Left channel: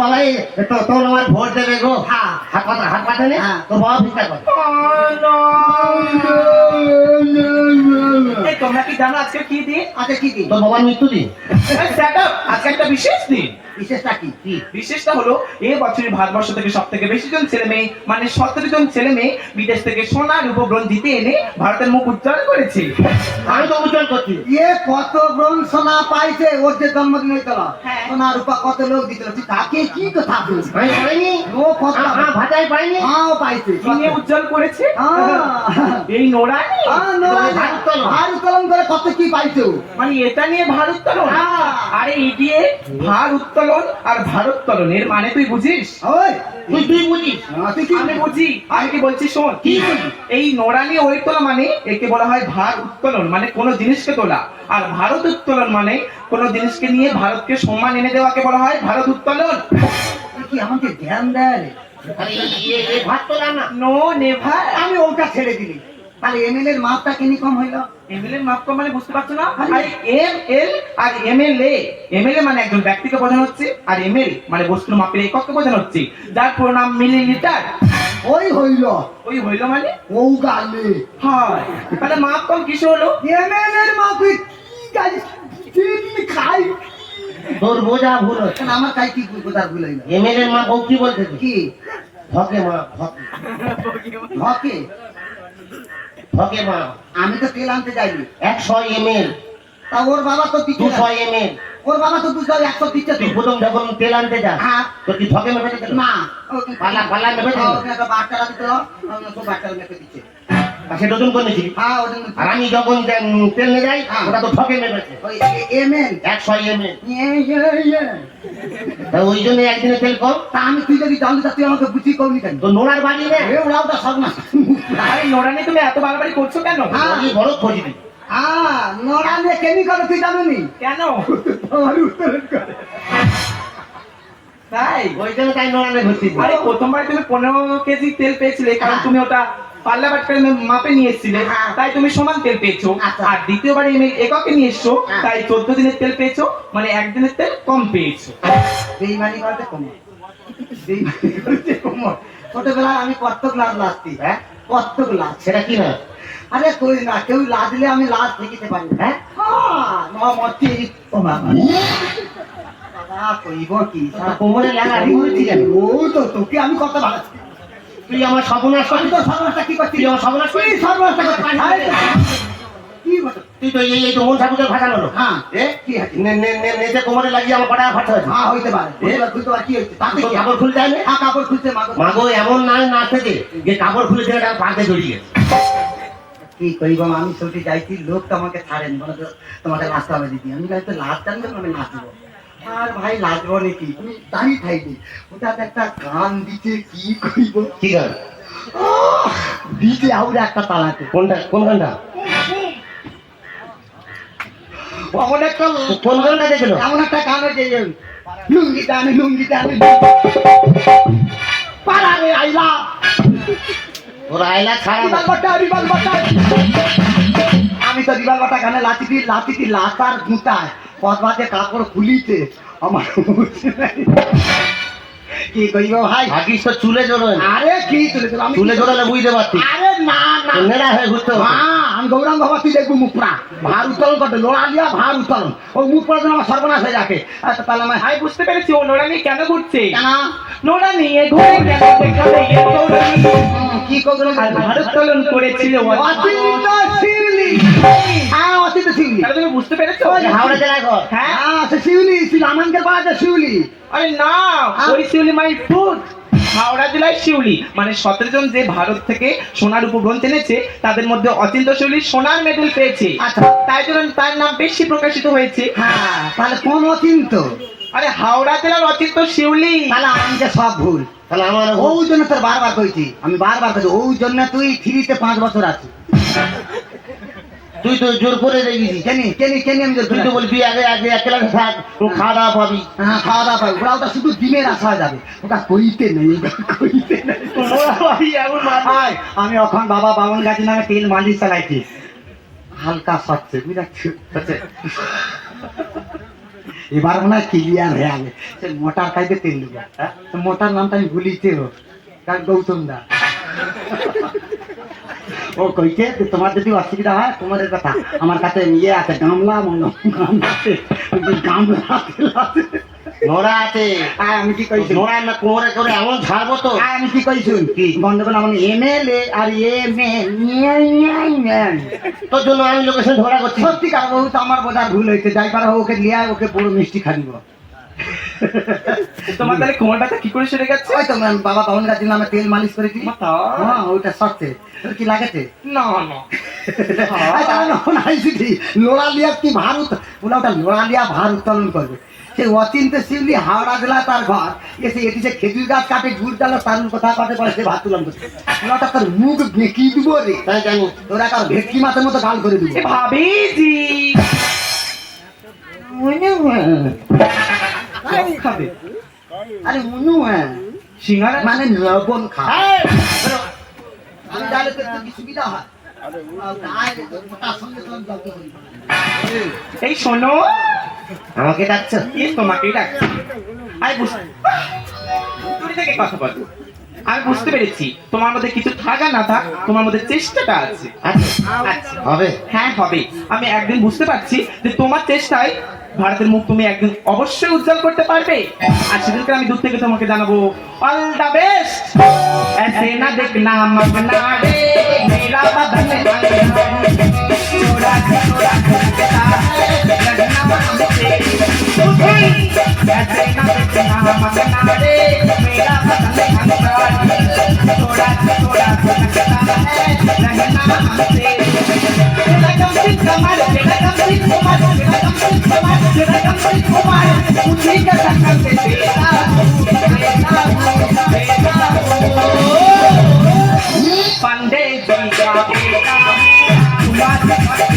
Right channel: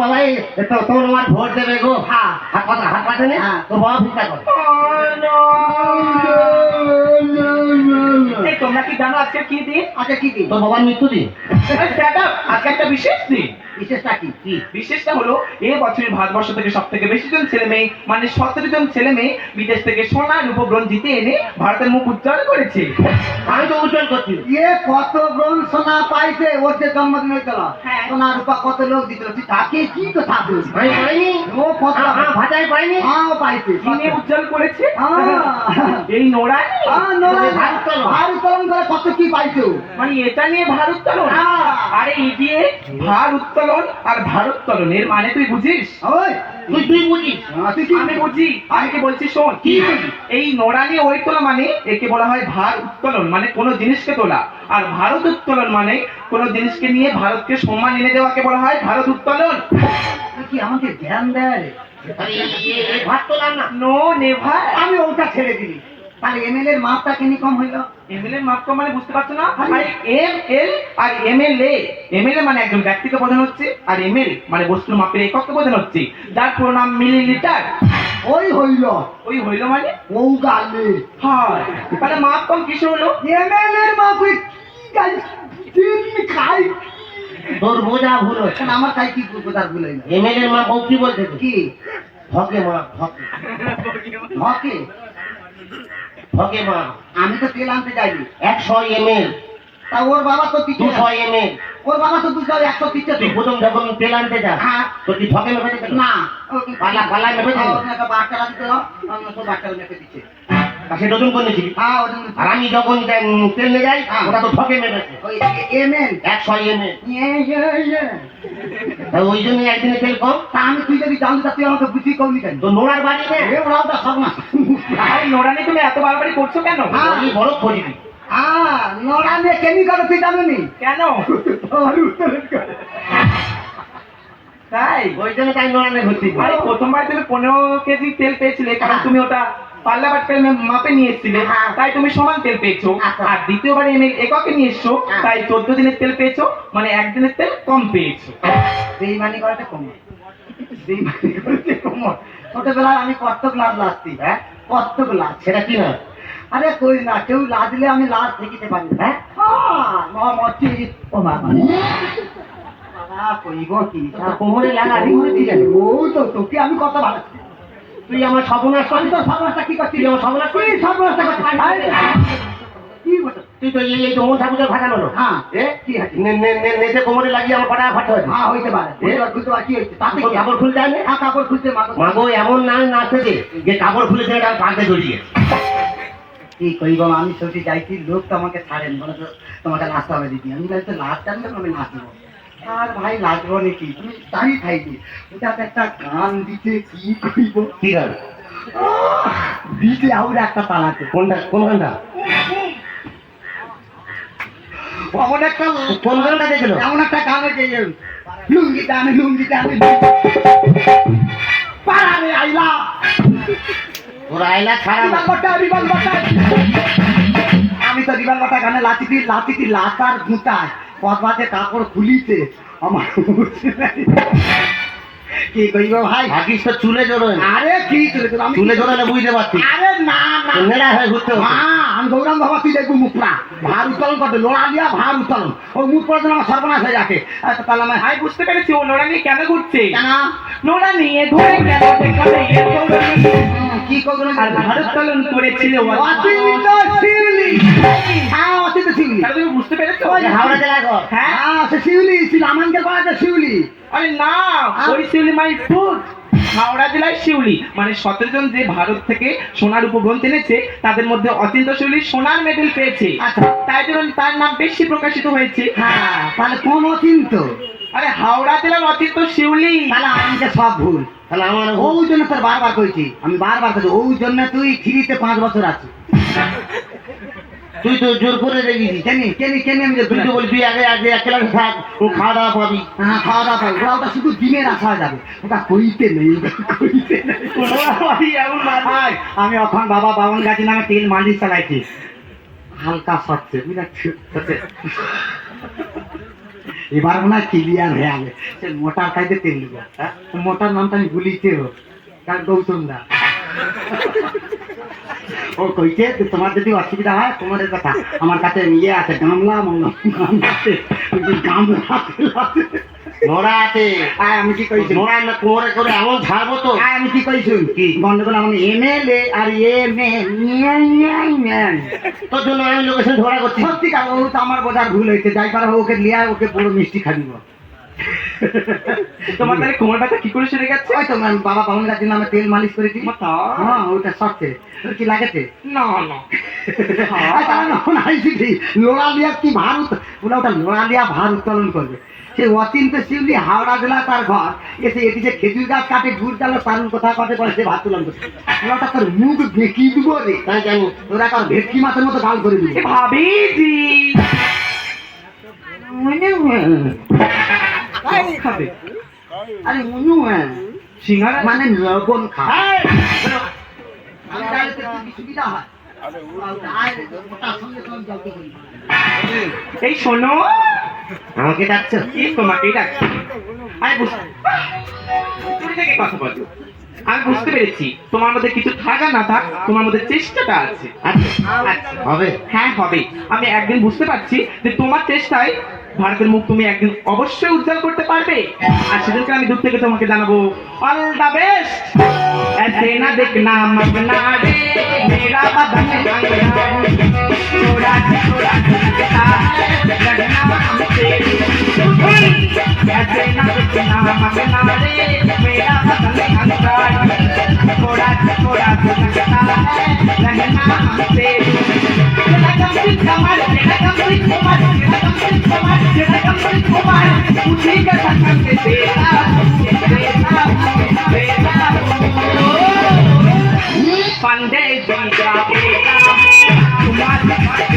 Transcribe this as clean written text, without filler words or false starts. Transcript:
বাবা তো তোর আমার ভোট দেবে গো। হ্যাঁ হাত পাতে নে তো বাবা ভিক্ষা কর। এই তোমরা কি জানো আজকে কি দিন? আচ্ছা কি দিন? তোর বাবার মৃত্যু দিন। আজকে একটা বিশেষ দিন। বিশেষটা কি? বিশেষটা হলো এই বছরের ভারতবর্ষ থেকে সব থেকে বেশি জন ছেলে মেয়ে মানে 17 জন ছেলে মেয়ে বিদেশ থেকে সোনা রূপো ব্রোঞ্জ জিতে এনে ভারতের মুখ উজ্জ্বল করেছে। আমি তো উজ্জ্বল করছি। কত ব্রোঞ্জ সোনা পাইছে ওর যে জন্মদিন হয়েছিল, সোনা রূপা কত লোক দিছিল, তুই তাকে কি কথা বলিস? পাইনি ও কত ভাতাই পাইনি। হ্যাঁ পাইছে, কিনে উজ্জ্বল করেছে এই নোরানি। ভার উত্তোলন করে কত কি পাইছো? মানে এটা নিয়ে ভার উত্তোলন? আরে ইডিয়ে, ভার উত্তোলন আর ভারোত্তোলন এর মানে তুই বুঝিস? ওই তুই বুঝিস? তুই কি আমি বুঝি, আমি কি বলছি শোন। এই নোরানি ওই তোলা মানে একে বলা হয় ভার উত্তোলন, মানে কোনো জিনিসকে তোলা। আর ভারত উত্তোলন মানে কোনো জিনিসকে নিয়ে ভারতকে সম্মান এনে দেওয়াকে বলা হয় ভারত উত্তোলন। তুই কি আমাকে ধ্যান দেয়? ভাত তোলা না। No never. আমি ওটা ছেড়ে দিলি, তাহলে এমএলএ এর মাপটা কেন কম হইলো? এমএলএ মাপ কম মানে বুঝতে পারছো না? আরে এমএল আর এমএলএ, এমএলএ মানে একজন ব্যক্তিকে বোঝানো হচ্ছে, আর এমএল মানে বস্তুর মাপের একককে বোঝানো হচ্ছে, যার পুরো নাম মিলিলিটার। ওই হইল ওই হইলো মানে ও গালে হয়। তাহলে মাপ কম কিসে হলো? এমএলএ এর মাপ কি জানিস? দিন খাই তোর বোঝা ভুল হচ্ছে। কেন আমার তাই কি কথা ভুল হইলো? এমএলএ মা বউ কি বলতে? কি হকে মা হকে হকে? হকে মা। আমি তো তেল আনতে যাইনি। 100 ml, তা ওর বাবা তো দিচ্ছে 200 ml। ওর বাবা তো বুঝতে 100 দিচ্ছে তো। তুই প্রথম যখন তেল আনতে যাস হ্যাঁ। তো কি ঠকে মেপে দিতে? না পালা মেপে দিল। তো বাচ্চারা দিত, তো বাচ্চারা মেপে দিচ্ছে। সেটা ওজন করে নিয়েছিলি। হ্যাঁ ওজন আর আমি যখন তেল নিয়ে যাই ওটা তো ঠকে মেপেছে ওই এমএল 100 ml। তা ওই জন্য একদিনে তেল কম। তা আমি তুই যদি জানতে তুই আমাকে বুঝি কমনি কেন? তো নোড়ার বাড়ি রে। ওরাও তো সব না। আরে নোরানি তুমি এত বাড়াবাড়ি করছো কেন? ওই বড় খোঁজি দিবি। নোরা নিয়ে কেনি করে তুই জানো নি? কেন? আমি উত্তোলন করে। তাই ওই জন্য তাই নোড়া নিয়ে ঘুরছি। আরে প্রথমবার তুমি 15 কেজি তেল পেয়েছিলে, কারণ তুমি ওটা পাল্লা বাটকে মাপে নিয়ে এসেছিলে, তাই তুমি সমান তেল পেয়েছো। আর দ্বিতীয়বারে এককে নিয়ে এসছো, তাই 14 দিনের তেল পেয়েছো, মানে একদিনের তেল কম পেয়েছো। বেইমানি করতে কমর, বেইমানি করতে কমর। ছোটবেলায় আমি কত গ্লাস লাসতি, কত গ্লাস। সেটা কি না? আরে কই না, কেউ লাজলে আমি লাজ দেখিতে পারি না। মরছি ও বাবা, বাবা কইব কি? কোমরে লাগা আড়ি ঘুরেছি কেন? ও তো তোকে আমি কত ভালো। তুই আমার সর্বনাশ আমি করলি। তো সর্বনাশটা কি করছি? তুই আমার সর্বনাশ করলি। কি সর্বনাশটা করছি? কি বলছো? তুই তো এই তো মন ঠাকুরের ভাষানো লোক। হ্যাঁ এ কি আছে? নেচে কোমরে লাগিয়ে আমার কটা খরচা হয়েছে। হ্যাঁ হইতে পারে, বুঝতে পার কি হয়েছে তাতে তোর কি? কাপড় খুলতে হবে। হ্যাঁ কাপড় খুলতে মাগো। মাগো এমন না নাচতে যে কাপড় খুলে দিয়ে তার পাতে জড়িয়ে। কি কইব, আমি সত্যি যাইছি, লোক তো আমাকে ছাড়েন, বলে তো তোমাকে নাচতে হবে দিদি। আমি ভাই তো লাজ জানলে আমি নাচবো, আর ভাই নাচবো নাকি, তুমি দাঁড়িয়ে থাকবে। ওটা একটা গান দিতে কি কইব, কি গান? দিতে আউর একটা পালাতে। কোনটা? কোন গানটা? এমন একটা কোন গানটা দেখলো? এমন একটা গান হয়েছে যে লুঙ্গি টানে লুঙ্গি টানে পাড়ারে আইলা ওর আইলা ছাড়া রিবাল বাটা। আমি তো রিবাল বাটা গানে লাতিটি লাতার গুঁতায় পথবাতে কাপড় খুলিতে আমার কি কইব ভাই? ভাগিস তো চুলে জড়োয়। আরে কি চলে আমি চুলে জড়ালে বুঝতে পারতি। আরে না না নেড়া হয়ে ঘুরতে হবে। আমি গৌরাম বাবা তুই দেখবো মুখরা ভার উত্তোলন করতে, লোড়া দিয়া ভার উত্তোলন, ওই মুখ পড়ার জন্য আমার সর্বনাশ হয়ে যাকে। তাহলে আমার আমি বুঝতে পেরেছি ও নোরানি কেন ঘুরছে। কেন নোরা নিয়ে ঘুরে গেল দেখাবে এর গৌরবী। কি করবো? আর ভারোত্তোলন করেছিল অচিন্ত শিউলি। হ্যাঁ অচিন্ত শিউলি। তাহলে তুমি বুঝতে পেরেছো? হাওড়া জেলায় ঘর। হ্যাঁ হ্যাঁ সে শিউলি ছিল, আমানকে পাওয়া যায় শিউলি। আরে না, ওই শিউলি মাই ফুড। হাওড়া জেলায় শিউলি মানে 17 জন যে ভারত থেকে সোনার উপগ্রন্থ এনেছে তাদের মধ্যে অচিন্ত শিউলি সোনার মেডেল পেয়েছে। আচ্ছা। তাই জন্য তার নাম বেশি প্রকাশিত হয়েছে। হ্যাঁ তাহলে কোন অচিন্ত? আরে হাওড়া জেলার অচিন্ত শিউলি। তাহলে আমাকে সব ভুল। তাহলে আমার ওই জন্য তোর বারবার কইছি, আমি বারবার কইছি ওই জন্য তুই ফ্রিতে 5 বছর আছিস। তুই তো জোর করে রেখেছিস। কেনি কেনি কেনি আমি তুই তো বলি তুই আগে আগে এক ক্লাস থাক, ও খাওয়া দাওয়া পাবি। হ্যাঁ খাওয়া দাওয়া পাই, ওটা শুধু ডিমের আসা যাবে, ওটা কইতে নেই, ওটা কইতে নেই। এমন মাথায় আমি এখন বাবা বামন গাছি নামে তেল মালিশ চালাইছি, হালকা সচ্ছে বুঝাচ্ছি। এবার মনে হয় ক্লিয়ার হয়ে গেছে সে মোটার কাইতে তেল দেবো হ্যাঁ তো মোটার নামটা আমি ভুলিতে হোক কারণ গৌতম দা ও কইছে যে তোমার যদি অসুবিধা হয় তোমার কথা আমার কাছে নিয়ে আছে গামলা গামলা আছে নোরা আছে আমি কি কইছি নোরা না কোরে করে এমন ছাড়বো তো আমি কি কইছি কি গন্ডগোল আমার এমএলএ আর তোর জন্য আমি লোকেশন ধরা করছি সত্যি কারণ ও তো আমার বোঝার ভুল হয়েছে যাই পারো ওকে নিয়ে আয়, ওকে বড় মিষ্টি খাইব তোমার তাহলে কোমর ব্যথা কি করে সেরে গেছে? ওই তো বাবা পাবন গাছের নামে তেল মালিশ করেছি হ্যাঁ ওইটা সত্যি তোর কি লাগেছে না না লোড়া লিয়া কি ভার ওটা লোড়া লিয়া ভার উত্তোলন করবে সে অচিন্তে শিউলি হাওড়া জেলা তার ঘর এসে এটি যে খেজুর গাছ কাটে ঘুর ডালো তারুর কথা কাটে পরে সে ভাত তুলন করছে ওটা তোর মুখ বেঁকি দিব রে তাই জানি ওরা তার ভেটকি মাছের মতো গাল করে দিব ভাবিজি খাবে আরে মনু সিঙ্গারা মানে লবণ খা আমি তাহলে তো একটু সুবিধা হয় ওটার সঙ্গে তো আমি জব্দ করি এই শোনো আমাকে ডাকছো তোমাকেই ডাকছি আরে তুমি থেকে কথা বলো আমি বুঝতে পেরেছি তোমার মধ্যে কিছু থাকা না থাক তোমার মধ্যে চেষ্টাটা আছে আচ্ছা হবে হ্যাঁ হবে আমি একদিন বুঝতে পারছি যে তোমার চেষ্টায় ভারতের মুখ তুমি একদিন অবশ্যই উজ্জ্বল করতে পারবে আর সেদিনকে আমি দূর থেকে তোমাকে জানাবো অল দা বেস্ট ऐसे ना देखना मगना रे मेरा बदन छोड़ा छोड़ा लगता है लगना हमसे ऐसे ना देखना मगना रे मेरा बदन छोड़ा छोड़ा लगता है लगना हमसे पंडे जी का बेटा तुम्हारा